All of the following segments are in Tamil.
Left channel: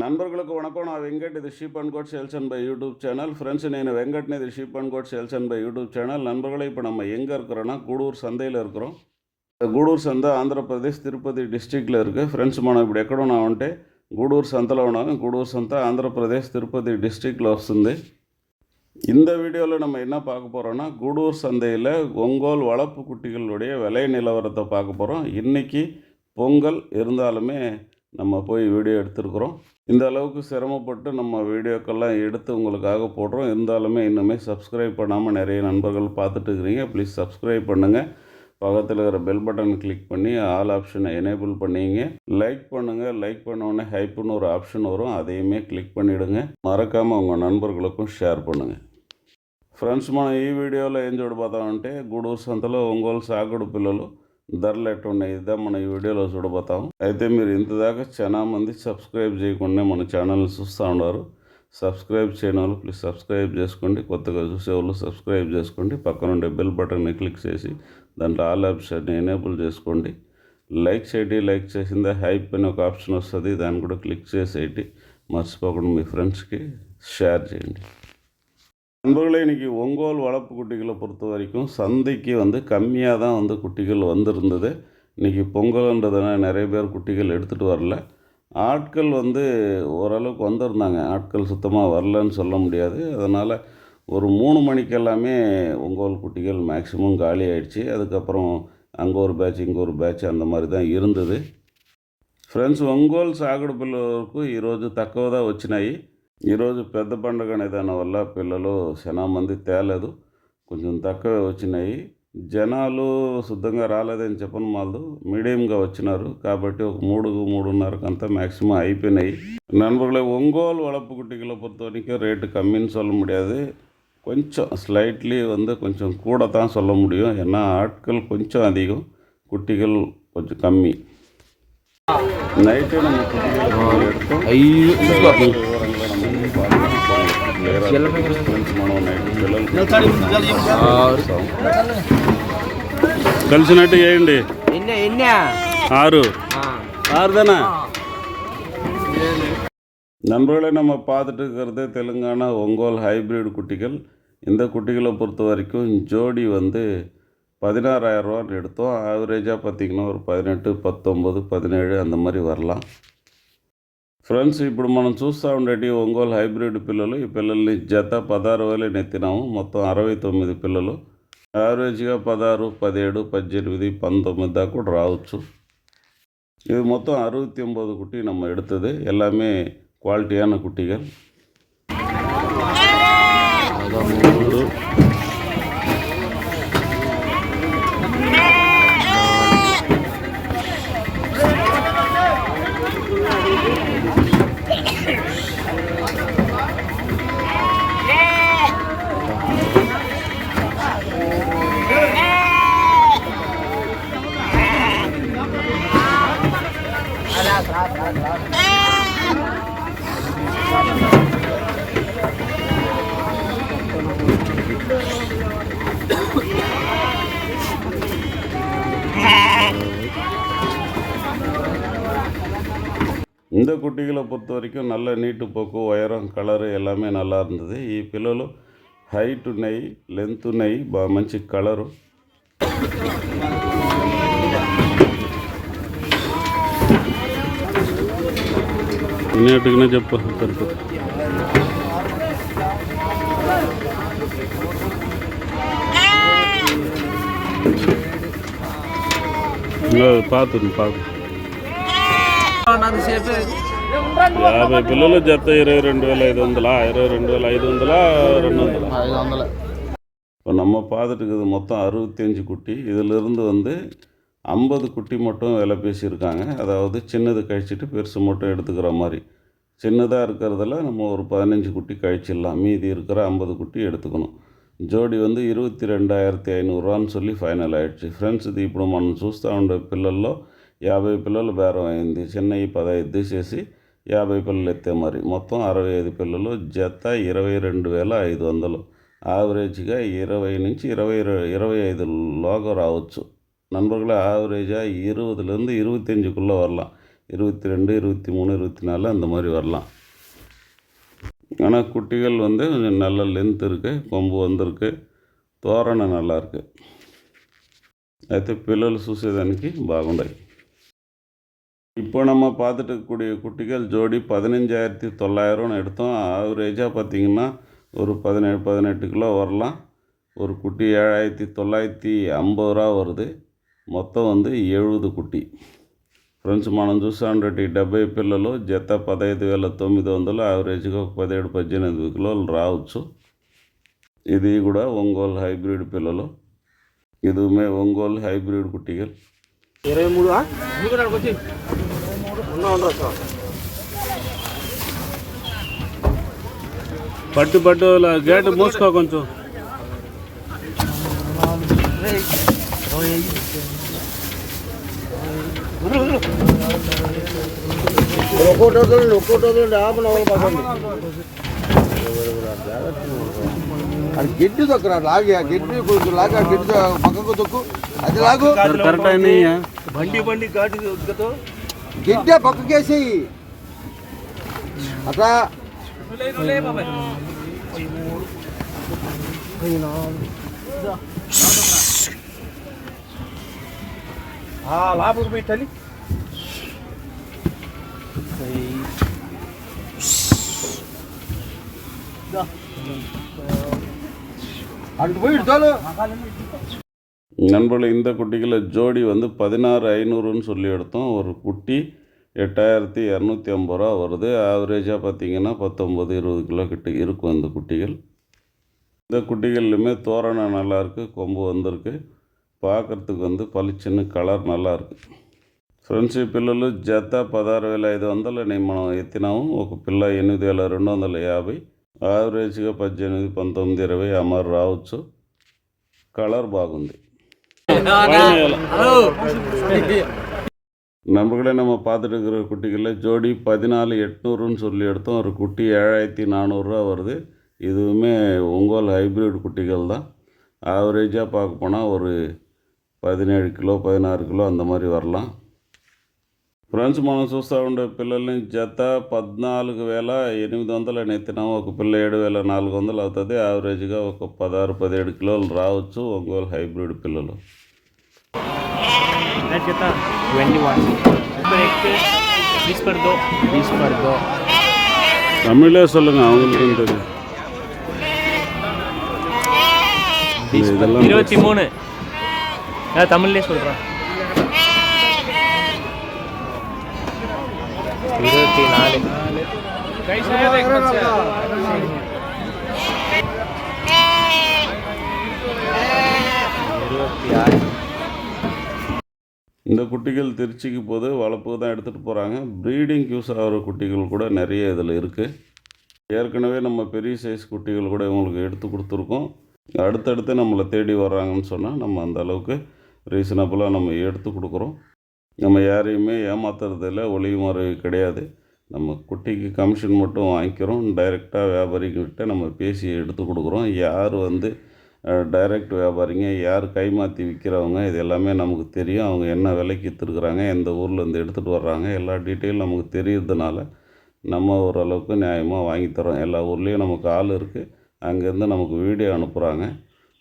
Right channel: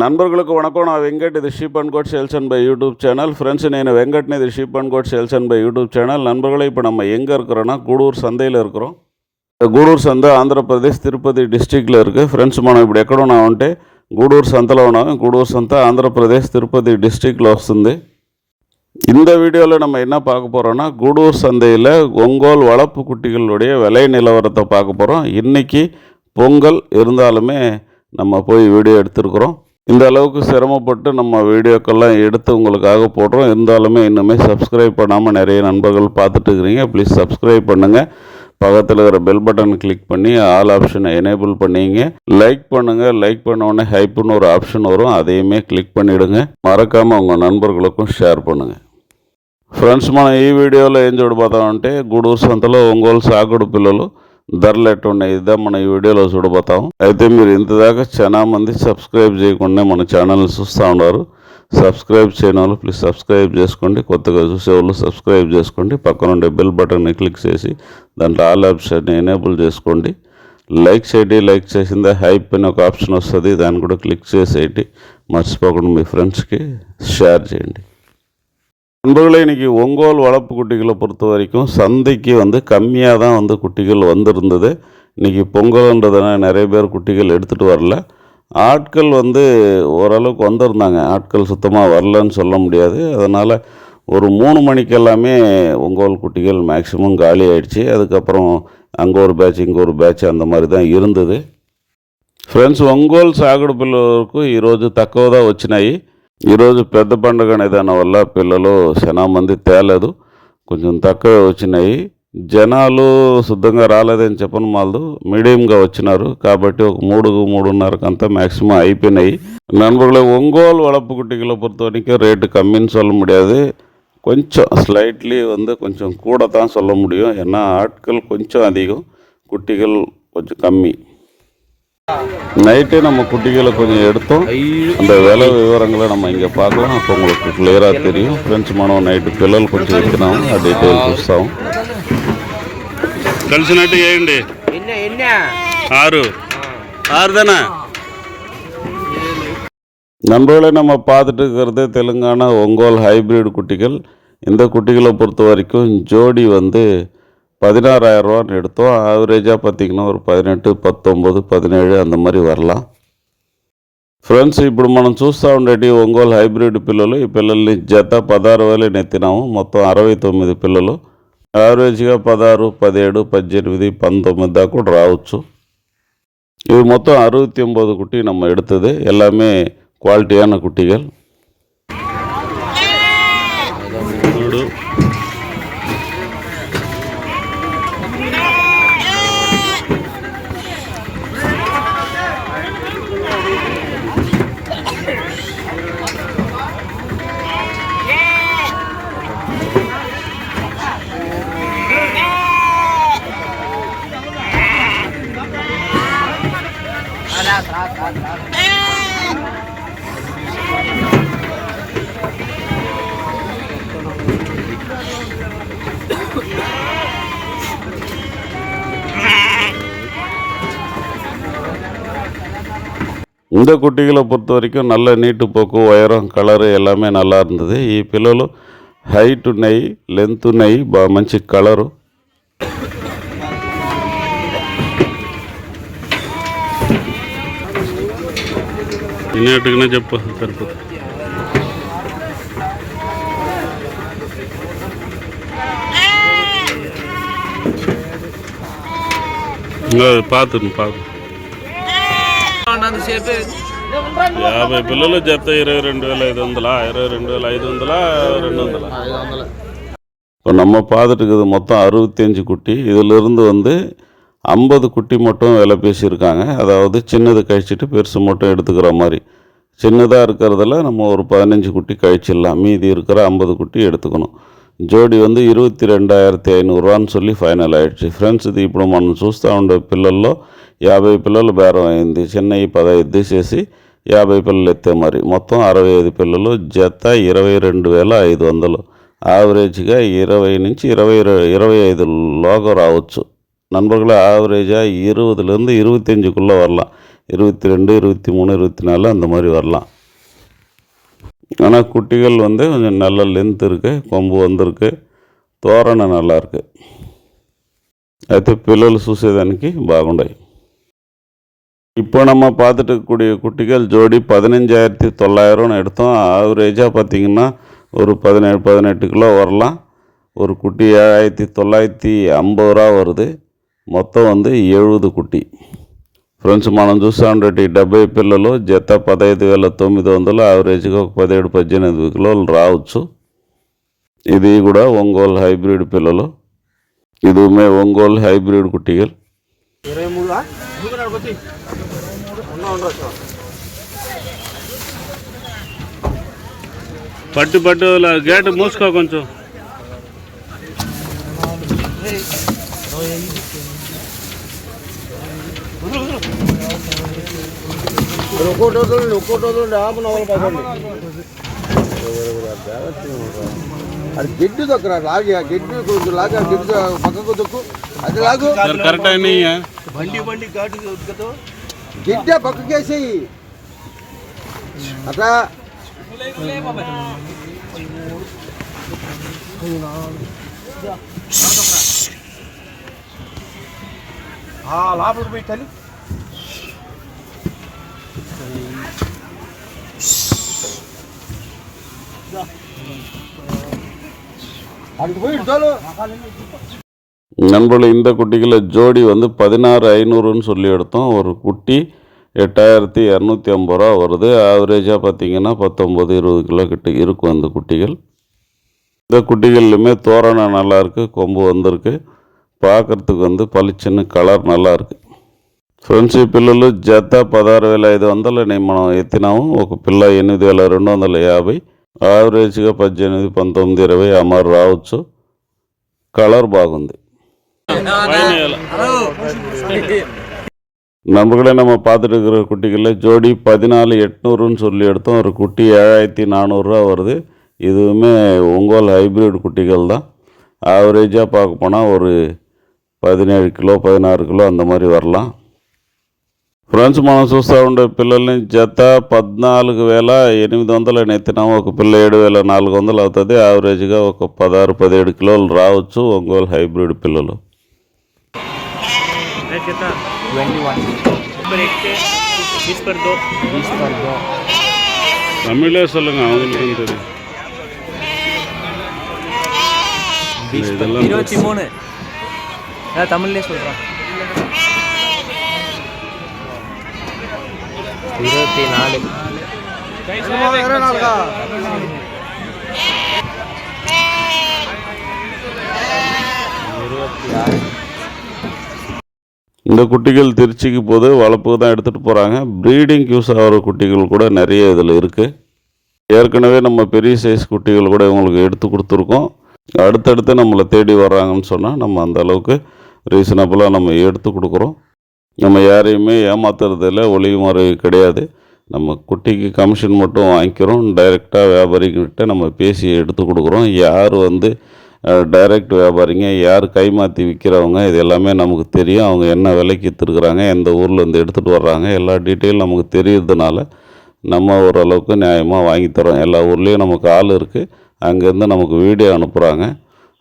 నన్బర్గులకు వణకం నా వెంకట్ ఇది sheep and goat sales and by YouTube channel. Friends నేను வெங்கட்னு இது sheep and goat sales and by YouTube channel. நண்பர்களே இப்போ நம்ம எங்கே இருக்கிறோன்னா గూడూరు సంதையில் இருக்கிறோம். గూడూరు సంత ఆంధ్రప్రదేశ్ తిరుపతి డిస్టిక్లో இருக்குது. ఫ్రెండ్స్ మనం ఇప్పుడు ఎక్కడ ఉన్నామంటే గూడూరు సంతలో ఉన్నాము. గూడూరు సంత ఆంధ్రప్రదేశ్ తిరుపతి డిస్టిక్లో వస్తుంది. இந்த வீடியோவில் நம்ம என்ன பார்க்க போகிறோன்னா గూడూరు சந்தையில் ஒங்கோல் வளர்ப்பு குட்டிகளுடைய விலை நிலவரத்தை பார்க்க போகிறோம். இன்றைக்கி பொங்கல் இருந்தாலுமே நம்ம போய் வீடியோ எடுத்துருக்குறோம். இந்த அளவுக்கு சிரமப்பட்டு நம்ம வீடியோக்கெல்லாம் எடுத்து உங்களுக்காக போடுறோம். இருந்தாலுமே இன்னுமே சப்ஸ்கிரைப் பண்ணாமல் நிறைய நண்பர்கள் பார்த்துட்டு இருக்கிறீங்க. ப்ளீஸ் சப்ஸ்கிரைப் பண்ணுங்கள். பக்கத்தில் இருக்கிற பெல் பட்டன் கிளிக் பண்ணி ஆல் ஆப்ஷனை எனேபிள் பண்ணிங்க. லைக் பண்ணுங்கள். லைக் பண்ண உடனே ஹைப்புன்னு ஒரு ஆப்ஷன் வரும், அதையுமே கிளிக் பண்ணிவிடுங்க. మరకాமல் உங்கள் నన్బర్గులకు షేర్ பண்ணுங்கள். ఫ్రెండ్స్ మనం ఈ వీడియోలో ఏం చూడబోతామంటే గూడూరు సంతలో ఒంగోలు సాగుడు పిల్లలు ధరలు ఎట్టున్నాయి ఇదే మనం ఈ వీడియోలో చూడబోతాం. అయితే మీరు ఇంతదాకా చాలా మంది సబ్స్క్రైబ్ చేయకుండా మన ఛానల్ని చూస్తూ ఉన్నారు. సబ్స్క్రైబ్ చేయని వాళ్ళు ప్లీజ్ సబ్స్క్రైబ్ చేసుకోండి. కొత్తగా చూసేవాళ్ళు సబ్స్క్రైబ్ చేసుకోండి. పక్కన ఉండే బెల్ బటన్ని క్లిక్ చేసి దాంట్లో ఆల్ ఆప్షన్ని ఎనేబుల్ చేసుకోండి. లైక్ చేయండి. లైక్ చేసిందే హైప్ అని ఒక ఆప్షన్ వస్తుంది, దాన్ని కూడా క్లిక్ చేసేయండి. మర్చిపోకుండా మీ ఫ్రెండ్స్కి షేర్ చేయండి. நண்பர்களே, இன்றைக்கி ஒங்கோல் வளர்ப்பு குட்டிகளை பொறுத்த வரைக்கும் சந்தைக்கு கம்மியாக தான் குட்டிகள் வந்திருந்தது. இன்றைக்கி பொங்கல்ன்றதுனால நிறைய பேர் குட்டிகள் எடுத்துகிட்டு வரல. ஆட்கள் ஓரளவுக்கு வந்திருந்தாங்க. ஆட்கள் சுத்தமாக வரலன்னு சொல்ல முடியாது. அதனால் ஒரு 3 மணிக்கெல்லாமே ஒங்கோல் குட்டிகள் மேக்ஸிமம் காலி ஆகிடுச்சு. அதுக்கப்புறம் அங்கே ஒரு பேட்ச் இங்கே ஒரு பேட்ச் அந்த மாதிரி தான் இருந்தது. ఫ్రెండ్స్, ఒంగోలు సాగుడు పిల్లలకు ఈరోజు తక్కువగా వచ్చినాయి. ఈరోజు పెద్ద పండుగ ఏదైనా వల్ల పిల్లలు చాలా మంది తేలేదు, కొంచెం తక్కువ వచ్చినాయి. జనాలు శుద్ధంగా రాలేదని చెప్పను వాళ్ళు మీడియంగా వచ్చినారు. కాబట్టి ఒక 3-3:30 మ్యాక్సిమం అయిపోయినాయి. நண்பர்களே, ஒங்கோல் வளர்ப்பு குட்டிகளை பொறுத்த வரைக்கும் ரேட்டு கம்மின்னு சொல்ல முடியாது. கொஞ்சம் ஸ்லைட்லி கொஞ்சம் கூட தான் சொல்ல முடியும். ஏன்னா ஆட்கள் கொஞ்சம் அதிகம், குட்டிகள் கொஞ்சம் கம்மி. நைட்டே நம்ம குட்டிகளை கொஞ்சம் எடுத்தோம். அந்த விலை விவரங்களை நம்ம இங்கே பார்க்கலாம். அப்போ உங்களுக்கு கிளியராக தெரியும். ఫ్రెండ్స్, మనం నైట్ పిల్లలు కొంచెం పెడతాము, అది చూస్తాం. కలిసి నైట్ వేయండి. 6 தானே நண்பர்களே, நம்ம பார்த்துட்டு இருக்கிறது தெலுங்கானா ஒங்கோல் ஹைப்ரிட் குட்டிகள். இந்த குட்டிகளை பொறுத்த வரைக்கும் ஜோடி 16,000 ரூபான்னு எடுத்தோம். ஆவரேஜாக பார்த்திங்கன்னா ஒரு 18, 19, 17 அந்த மாதிரி வரலாம். ఫ్రెండ్స్, ఇప్పుడు మనం చూస్తూ ఉండేటి ఒంగోలు హైబ్రిడ్ పిల్లలు. ఈ పిల్లల్ని జత 16,000 నెత్తినాము. మొత్తం 69 పిల్లలు. యావరేజ్గా 16, 17, 18, 19 దాకా కూడా రావచ్చు. இது மொத்தம் 69 குட்டி நம்ம எடுத்தது. எல்லாமே குவாலிட்டியான குட்டிகள். இந்த குட்டிகளை பொறுத்த வரைக்கும் நல்ல நீட்டு போக்கு, உயரம், கலரு எல்லாமே நல்லா இருந்தது. ఈ పిల్లలు హైట్ ఉన్నాయి, లెంత్ ఉన్నాయి, మంచి కలరు. ఇన్నేట్టుగానే చెప్పు సరిపోతుంది. పాతుంది 50 పిల్లలు జత 22,500, 22,500, 200. இப்போ நம்ம பார்த்துட்டு இருக்குது மொத்தம் 65 குட்டி. இதிலிருந்து 50 குட்டி மட்டும் விலை பேசியிருக்காங்க. அதாவது சின்னது கழிச்சிட்டு பெருசு மட்டும் எடுத்துக்கிற மாதிரி. சின்னதாக இருக்கிறதுல நம்ம ஒரு 15 குட்டி கழிச்சிடலாம். மீதி இருக்கிற 50 குட்டி எடுத்துக்கணும். జోడి 22,500 రూపాయలు சொல்லி ఫైనల్ అయ్యింది. ఫ్రెండ్స్, ఇది ఇప్పుడు మనం చూస్తూ ఉండే పిల్లల్లో 50 పిల్లలు బేరం అయింది. చిన్నవి 15 తీసేసి 50 పిల్లలు ఎత్తే మరి మొత్తం 65 పిల్లలు. జత 22,500. యావరేజ్గా 20 నుంచి 25 లోగా రావచ్చు. நண்பர்களே ஆவரேஜாக 20லேருந்து 25க்குள்ளே வரலாம். 22, 23, 24 அந்த மாதிரி வரலாம். ஆனால் குட்டிகள் வந்து கொஞ்சம் நல்ல லென்த் இருக்குது, கொம்பு வந்திருக்கு, తోరణ నల్లాருக்கு. అయితే పిల్లలు చూసేదానికి బాగుండాయి. இப்போ நம்ம பார்த்துட்டு இருக்கக்கூடிய குட்டிகள் ஜோடி 15,900 எடுத்தோம். ஆவரேஜாக பார்த்திங்கன்னா ஒரு 17-18 கிலோ வரலாம். ஒரு குட்டி 7,950 வருது. మొత్తం வந்து 70 కుట్టి. ఫ్రెండ్స్ మనం చూసామంటే 70 పిల్లలు జత 15,900, యావరేజ్గా ఒక 17-18 కిలోలు రావచ్చు. ఇది కూడా ఒంగోలు హైబ్రిడ్ పిల్లలు. இதுவுமே ఒంగోలు హైబ్రిడ్ కుట్టిகள். 23 పట్టు పట్టు గేట్ మూసుకో కొంచెం. అది గిడ్డు దొక్కరా లాగా గిడ్డు కొంచెం లాగా గిడ్డు పక్కకు దొక్కు అది లాగు కరెక్ట్ అయినా బండి బండి ఘాటు గిడ్డే పక్కకేసేయి అట్లా లోపలికి పోయి తల్లి நண்பர்கள் இந்த குட்டிகளை ஜோடி வந்து 16,500ன்னு சொல்லி எடுத்தோம். ஒரு குட்டி 8,250 வருது. ஆவரேஜாக பார்த்திங்கன்னா 19-20 கிலோ கிட்ட இருக்கும் அந்த குட்டிகள். இந்த குட்டிகள்லையுமே தோரணம் நல்லாயிருக்கு, கொம்பு வந்திருக்கு, பார்க்குறதுக்கு வந்து పలిచిన్న కలర్ నల్లాருக்கு. ఫ్రెండ్స్ ఈ పిల్లలు జత 16,500 మనం ఎత్తినాము. ఒక పిల్ల 8,250, యావరేజ్గా 18, 19, 20 అమరు రావచ్చు. కలర్ బాగుంది. நண்பர்களே நம்ம பார்த்துட்டு இருக்கிற குட்டிகளில் ஜோடி 14,800ன்னு சொல்லி எடுத்தோம். ஒரு குட்டி 7,400 வருது. இதுவுமே ఒంగోలు హైబ్రిడ్ குட்டிகள் தான். ஆவரேஜாக பார்க்க போனால் ஒரு 17 கிலோ 16 கிலோ அந்த மாதிரி வரலாம். ఫ్రెండ్స్ మనం చూస్తూ ఉండే పిల్లల్ని జత 14,800 ఎత్తినాము. ఒక పిల్ల 7,400 అవుతుంది. యావరేజ్గా ఒక 16-17 కిలోలు రావచ్చు. ఒంగోలు హైబ్రిడ్ పిల్లలు. தமிழே சொல்லுங்க, அவங்களுக்கு தெரியும். இதெல்லாம் 23 நான் தமிழ்லேயே சொல்கிறேன். 24 இந்த குட்டிகள் திருச்சிக்கு போது வளர்ப்புக்கு தான் எடுத்துகிட்டு போகிறாங்க. ப்ரீடிங் யூஸ் ஆகிற குட்டிகள் கூட நிறைய இதில் இருக்குது. ஏற்கனவே நம்ம பெரிய சைஸ் குட்டிகள் கூட இவங்களுக்கு எடுத்து கொடுத்துருக்கோம். அடுத்தடுத்து நம்மளை தேடி வர்றாங்கன்னு சொன்னால் நம்ம அந்த அளவுக்கு ரீசனபுளாக நம்ம எடுத்து கொடுக்குறோம். நம்ம யாரையுமே ஏமாத்துறதில்ல, ஒளிமுறை கிடையாது. நம்ம குட்டிக்கு கமிஷன் மட்டும் வாங்கிக்கிறோம். டைரெக்டாக வியாபாரிகிட்ட நம்ம பேசி எடுத்து கொடுக்குறோம். யார் வந்து டைரக்ட் வியாபாரிங்க, யார் கைமாற்றி விற்கிறவங்க, இது எல்லாமே நமக்கு தெரியும். அவங்க என்ன விலைக்கு விற்றுருக்குறாங்க, எந்த ஊரில் வந்து எடுத்துகிட்டு வர்றாங்க, எல்லா டீட்டெயிலும் நமக்கு தெரியறதுனால நம்ம ஓரளவுக்கு நியாயமாக வாங்கித்தரோம். எல்லா ஊர்லேயும் நமக்கு ஆள் இருக்குது. அங்கேருந்து நமக்கு வீடியோ அனுப்புகிறாங்க.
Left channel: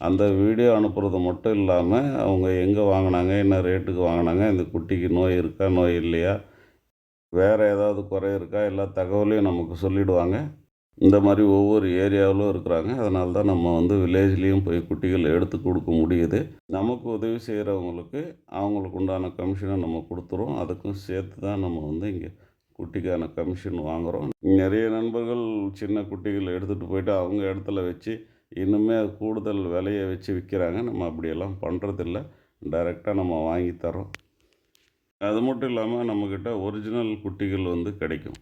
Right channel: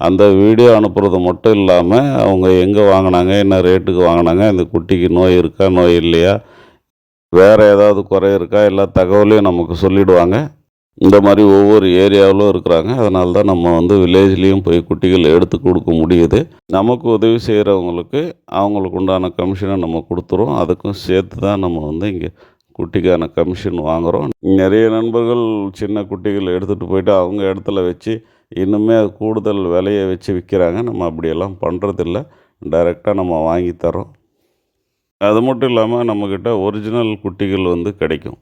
அந்த வீடியோ அனுப்புறது மட்டும் இல்லாமல் அவங்க எங்கே வாங்கினாங்க, என்ன ரேட்டுக்கு வாங்கினாங்க, இந்த குட்டிக்கு நோய் இருக்கா, நோய் இல்லையா, வேறு ஏதாவது குறை இருக்கா, எல்லா தகவலையும் நமக்கு சொல்லிவிடுவாங்க. இந்த மாதிரி ஒவ்வொரு ஏரியாவிலும் இருக்கிறாங்க. அதனால தான் நம்ம வந்து வில்லேஜ்லேயும் போய் குட்டிகள் எடுத்து கொடுக்க முடியுது. நமக்கு உதவி செய்கிறவங்களுக்கு அவங்களுக்கு உண்டான கமிஷனை நம்ம கொடுத்துருவோம். அதுக்கும் சேர்த்து தான் நம்ம வந்து இங்கே குட்டிக்கான கமிஷன் வாங்குகிறோம். நிறைய நண்பர்கள் சின்ன குட்டிகள் எடுத்துகிட்டு போயிட்டு அவங்க இடத்துல வச்சு இன்னுமே கூடுதல் விலையை வச்சு விற்கிறாங்க. நம்ம அப்படியெல்லாம் பண்ணுறதில்ல. டைரெக்டாக நம்ம வாங்கி தரோம். அது மட்டும் ఇలాமல் நம்மக்கிட்ட ఒరిజినల్ కుట్టిగలు வந்து கிடைக்கும்.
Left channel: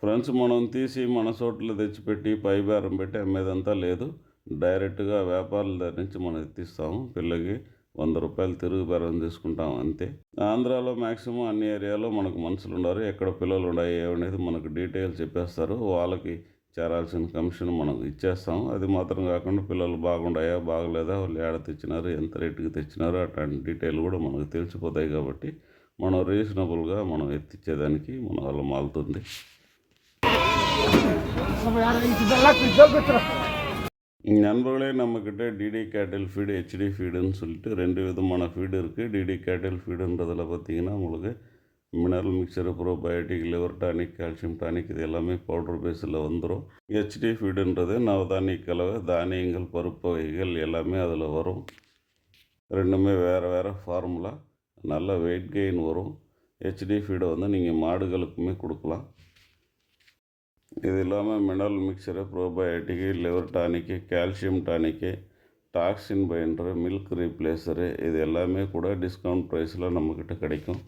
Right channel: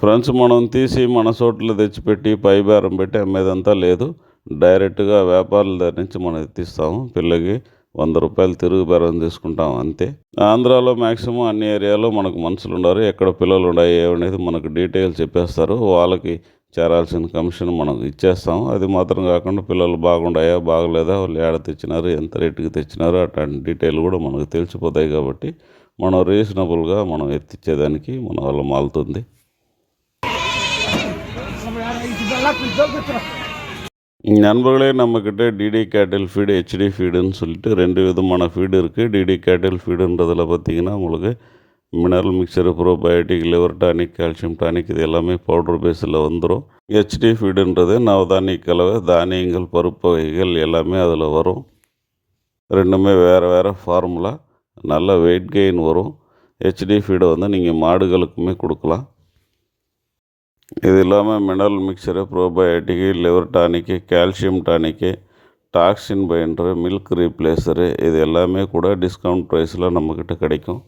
ఫ్రెండ్స్ మనం తీసి మన చోట్ల తెచ్చిపెట్టి పైబేరం పెట్టి అమ్మేదంతా లేదు. డైరెక్ట్గా వ్యాపారుల దగ్గర నుంచి మనం ఎత్తిస్తాము. పిల్లకి 100 రూపాయలు తిరుగు బేరం తీసుకుంటాం అంతే. ఆంధ్రాలో మ్యాక్సిమం అన్ని ఏరియాలో మనకు మనుషులు ఉన్నారు. ఎక్కడ పిల్లలు ఉన్నాయి ఏమనేది మనకు డీటెయిల్స్ చెప్పేస్తారు. వాళ్ళకి చేరాల్సిన కమిషన్ మనం ఇచ్చేస్తాం. అది మాత్రం కాకుండా పిల్లలు బాగుండాయా బాగలేదా, వాళ్ళు ఏడ తెచ్చినారు, ఎంత రేటుకి తెచ్చినారు, అట్లాంటి డీటెయిల్ కూడా మనకు తెలిసిపోతాయి. కాబట్టి మనం రీజనబుల్గా మనం ఎత్తిచ్చేదానికి మన వల్ల మాలుతుంది. நண்பர்களே, நம்மக்கிட்ட டிடி கேட்டில் ஃபீடு, ஹெச்டி ஃபீடுன்னு சொல்லிட்டு 2 விதமான ஃபீடு இருக்குது. டிடி கேட்டில் ஃபீடுன்றதில் பார்த்திங்கன்னா உங்களுக்கு mineral mixture, probiotic, liver tonic, calcium tonic இது எல்லாமே பவுடர் பேஸில் வந்துடும். ஹெச்டி ஃபீடுன்றது நவதானிய கலவை, தானியங்கள், பருப்பு வகைகள் எல்லாமே அதில் வரும். ரெண்டுமே வேறு வேறு ஃபார்முலா, நல்ல வெயிட் கெயின் வரும். ஹெச்டி ஃபீடை வந்து நீங்கள் மாடுகளுக்குமே கொடுக்கலாம். இது இல்லாமல் mineral mixture, probiotic, liver tonic, calcium tonic, toxin binder, milk replacer இது எல்லாமே கூட டிஸ்கவுண்ட் ப்ரைஸில் நம்மக்கிட்ட கிடைக்கும்.